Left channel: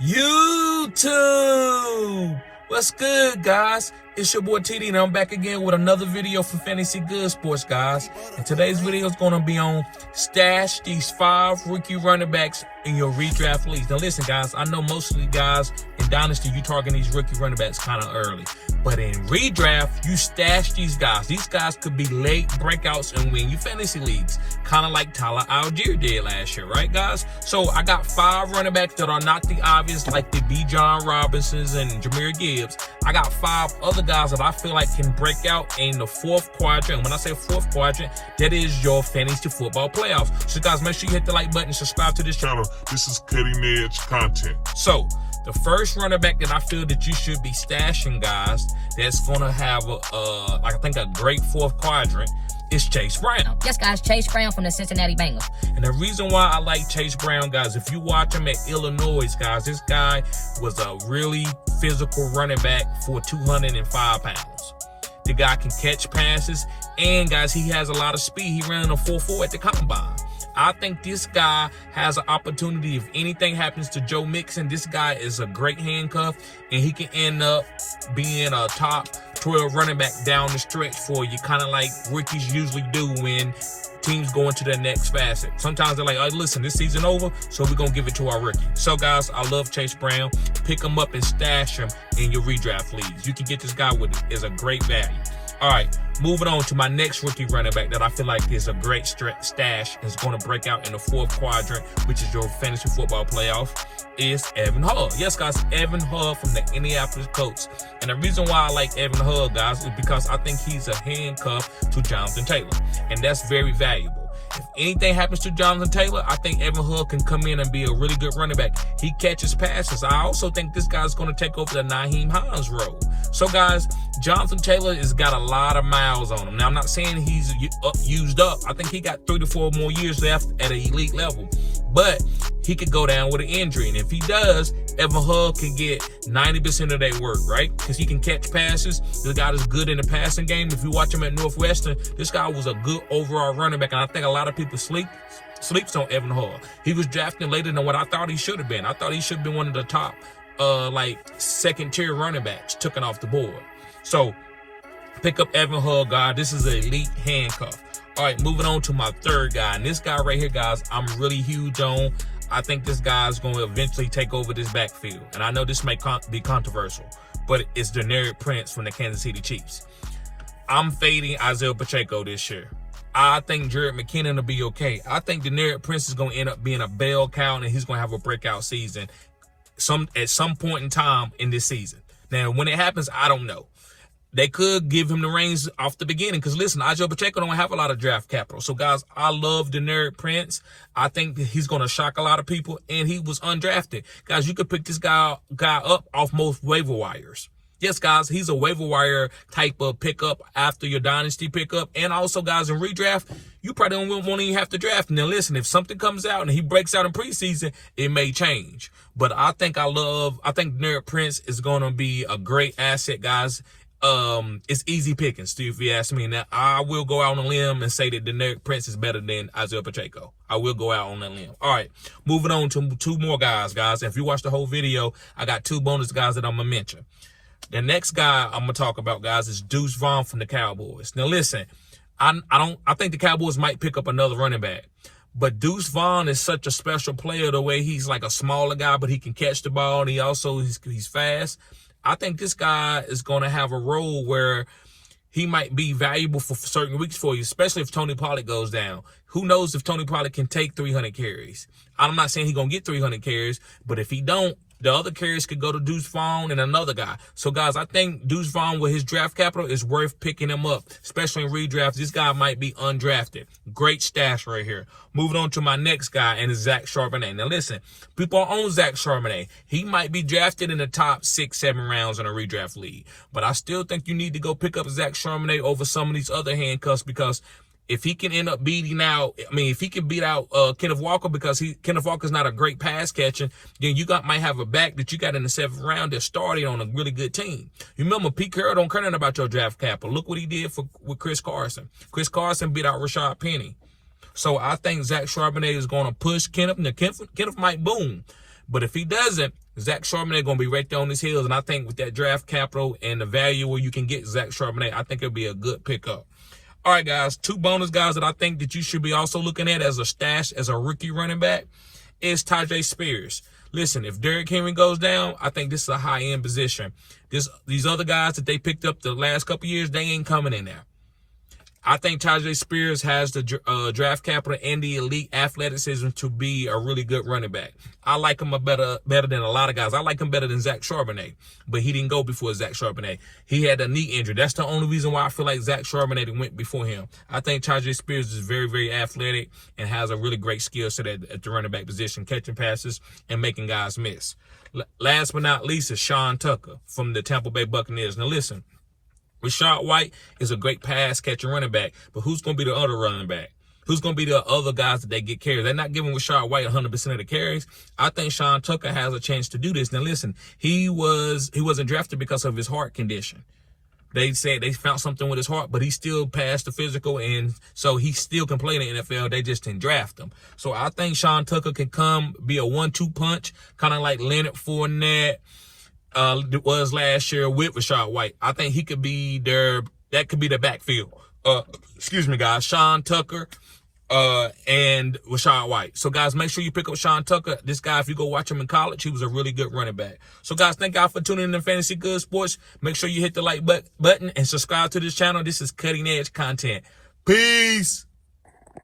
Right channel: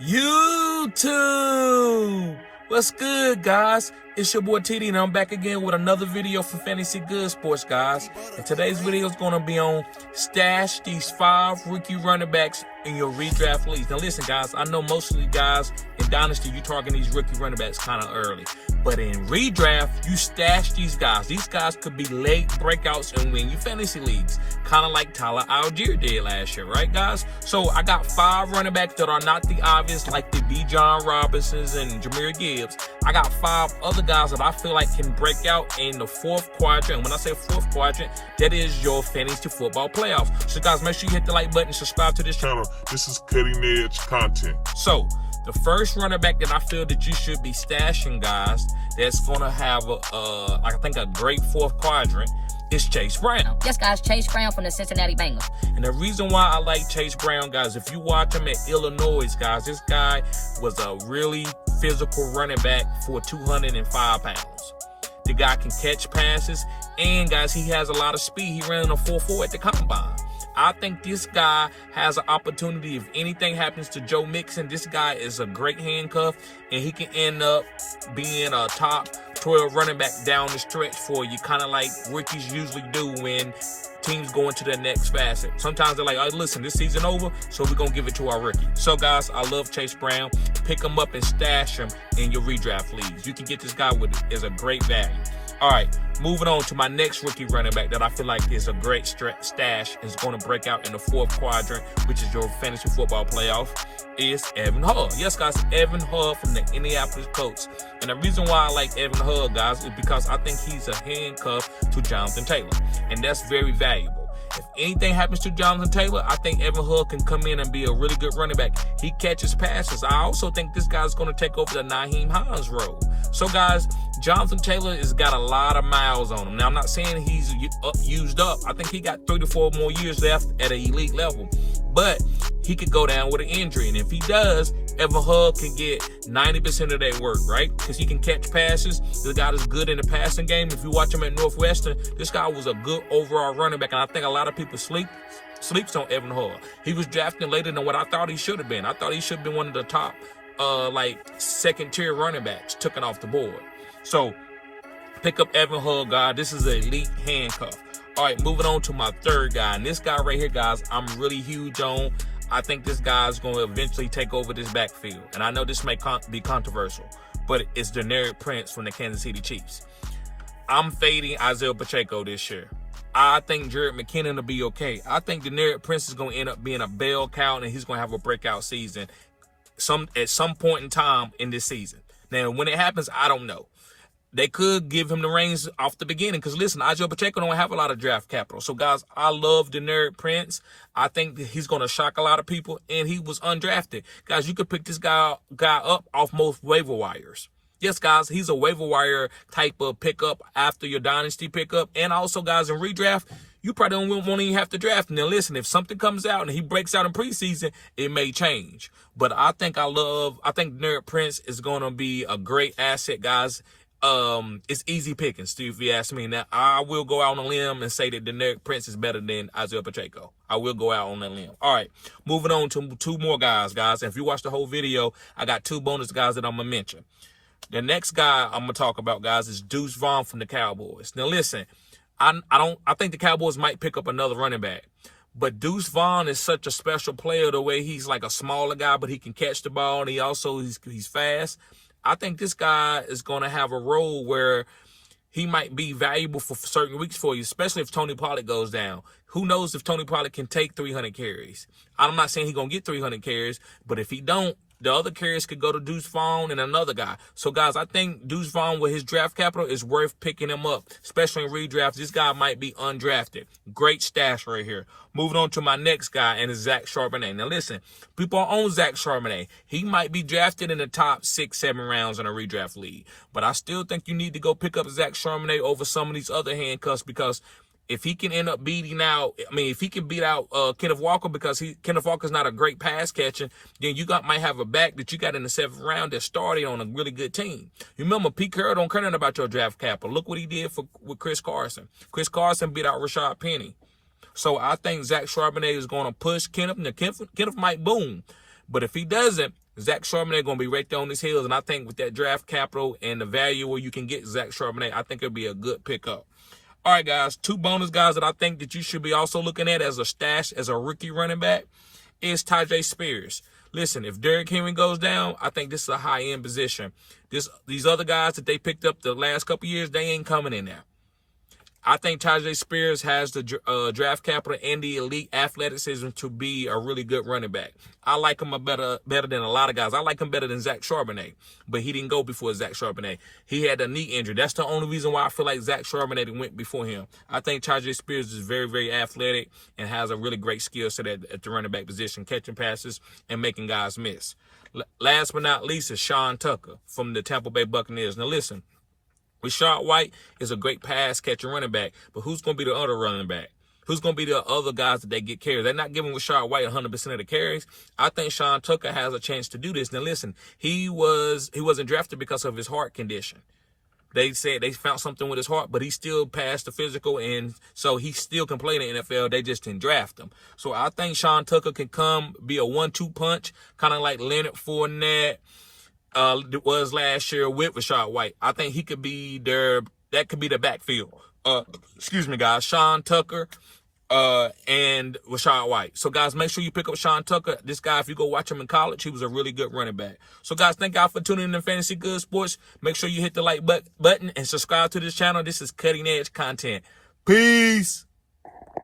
YouTube. What's good, guys? It's your boy TD, and I'm back again with another video for Fantasy Good Sports, guys. And today's video is going to be on stash these 5 rookie running backs in your redraft leagues. Now, listen, guys, I know most of you guys in Dynasty, you targeting these rookie running backs kind of early. But in redraft, you stash these guys. These guys could be late breakouts and win you fantasy leagues. Kind of like Tyler Algier did last year, right, guys? So I got 5 running backs that are not the obvious, like the Bijan Robinsons and Jahmyr Gibbs. I got 5 other guys that I feel like can break out in the 4th quadrant. And when I say 4th quadrant, that is your fantasy football playoffs. So, guys, make sure you hit the like button and subscribe to this channel. This is cutting edge content. So, the first running back that I feel that you should be stashing, guys, that's going to have I think a great 4th quadrant is Chase Brown. Yes, guys, Chase Brown from the Cincinnati Bengals. And the reason why I like Chase Brown, guys, if you watch him at Illinois, guys, this guy was a really physical running back for 205 pounds. The guy can catch passes, and, guys, he has a lot of speed. He ran a 4.4 at the combine. I think this guy has an opportunity. If anything happens to Joe Mixon, this guy is a great handcuff, and he can end up being a top 12 running back down the stretch for you, kind of like rookies usually do when teams go into the next facet. Sometimes they're like, oh, listen, this season over, so we're going to give it to our rookie. So, guys, I love Chase Brown. Pick him up and stash him in your redraft leagues. You can get this guy is a great value. All right, moving on to my next rookie running back that I feel like is a great stash, is going to break out in the 4th quadrant, which is your fantasy football playoff, is Evan Hull. Yes, guys, Evan Hull from the Indianapolis Colts. And the reason why I like Evan Hull, guys, is because I think he's a handcuff to Jonathan Taylor, and that's very valuable. If anything happens to Jonathan Taylor, I think Evan Hull can come in and be a really good running back. He catches passes. I also think this guy's going to take over the Nyheim Hines role. So, guys, Jonathan Taylor has got a lot of miles on him. Now, I'm not saying he's used up. I think he got 3 to 4 more years left at an elite level. But he could go down with an injury. And if he does, Evan Hull can get 90% of that work, right? Because he can catch passes. This guy is good in the passing game. If you watch him at Northwestern, this guy was a good overall running back. And I think a lot of people sleeps on Evan Hull. He was drafted later than what I thought he should have been. I thought he should have been one of the top, second-tier running backs taken off the board. So, pick up Evan Hull, guys. This is an elite handcuff. All right, moving on to my 3rd guy. And this guy right here, guys, I'm really huge on. I think this guy's going to eventually take over this backfield. And I know this may be controversial, but it's Deneric Prince from the Kansas City Chiefs. I'm fading Isaiah Pacheco this year. I think Jared McKinnon will be okay. I think Deneric Prince is going to end up being a bell cow, and he's going to have a breakout season at some point in time in this season. Now, when it happens, I don't know. They could give him the reins off the beginning because, listen, Isaiah Pacheco don't have a lot of draft capital. So, guys, I love Deneric Prince. I think that he's going to shock a lot of people, and he was undrafted. Guys, you could pick this guy up off most waiver wires. Yes, guys, he's a waiver wire type of pickup after your dynasty pickup. And also, guys, in redraft, you probably won't even have to draft him. Now, listen, if something comes out and he breaks out in preseason, it may change. But I think Deneric Prince is going to be a great asset, guys. It's easy pickings, too, if you ask me. Now, I will go out on a limb and say that Deneric Prince is better than Isaiah Pacheco. I will go out on that limb. All right, moving on to 2 more guys. And if you watch the whole video, I got 2 bonus guys that I'm going to mention. The next guy I'm going to talk about, guys, is Deuce Vaughn from the Cowboys. Now, listen, I think the Cowboys might pick up another running back. But Deuce Vaughn is such a special player the way he's like a smaller guy, but he can catch the ball, and he's fast. I think this guy is going to have a role where he might be valuable for certain weeks for you, especially if Tony Pollard goes down. Who knows if Tony Pollard can take 300 carries? I'm not saying he's going to get 300 carries, but if he don't, the other carries could go to Deuce Vaughn and another guy. So, guys, I think Deuce Vaughn with his draft capital is worth picking him up, especially in redrafts. This guy might be undrafted. Great stash right here. Moving on to my next guy, and it's Zach Charbonnet. Now, listen, people own Zach Charbonnet. He might be drafted in the top 6-7 rounds in a redraft league. But I still think you need to go pick up Zach Charbonnet over some of these other handcuffs because if he can end up if he can beat out Kenneth Walker because Kenneth Walker's not a great pass catcher, then you might have a back that you got in the 7th round that started on a really good team. You remember, Pete Carroll don't care nothing about your draft capital. Look what he did with Chris Carson. Chris Carson beat out Rashad Penny. So I think Zach Charbonnet is going to push Kenneth. Now, Kenneth might boom. But if he doesn't, Zach Charbonnet going to be right there on his heels. And I think with that draft capital and the value where you can get Zach Charbonnet, I think it'll be a good pickup. All right, guys, 2 bonus guys that I think that you should be also looking at as a stash, as a rookie running back, is Tyjae Spears. Listen, if Derrick Henry goes down, I think this is a high-end position. These other guys that they picked up the last couple years, they ain't coming in there. I think Tyjae Spears has the draft capital and the elite athleticism to be a really good running back. I like him better than a lot of guys. I like him better than Zach Charbonnet, but he didn't go before Zach Charbonnet. He had a knee injury. That's the only reason why I feel like Zach Charbonnet went before him. I think Tyjae Spears is very, very athletic and has a really great skill set at the running back position, catching passes and making guys miss. Last but not least is Sean Tucker from the Tampa Bay Buccaneers. Now listen, Rachaad White is a great pass catching running back, but who's going to be the other running back? Who's going to be the other guys that they get carries? They're not giving Rachaad White 100% of the carries. I think Sean Tucker has a chance to do this. Now listen, he wasn't drafted because of his heart condition. They said they found something with his heart, but he still passed the physical, and so he still can play in the NFL. They just didn't draft him. So I think Sean Tucker can be a 1-2 punch, kind of like Leonard Fournette was last year with Rachaad White. I think he could be that could be the backfield. Excuse me, guys. Sean Tucker and Rachaad White. So, guys, make sure you pick up Sean Tucker. This guy, if you go watch him in college, he was a really good running back. So, guys, thank y'all for tuning in to Fantasy Good Sports. Make sure you hit the like button and subscribe to this channel. This is cutting edge content. Peace.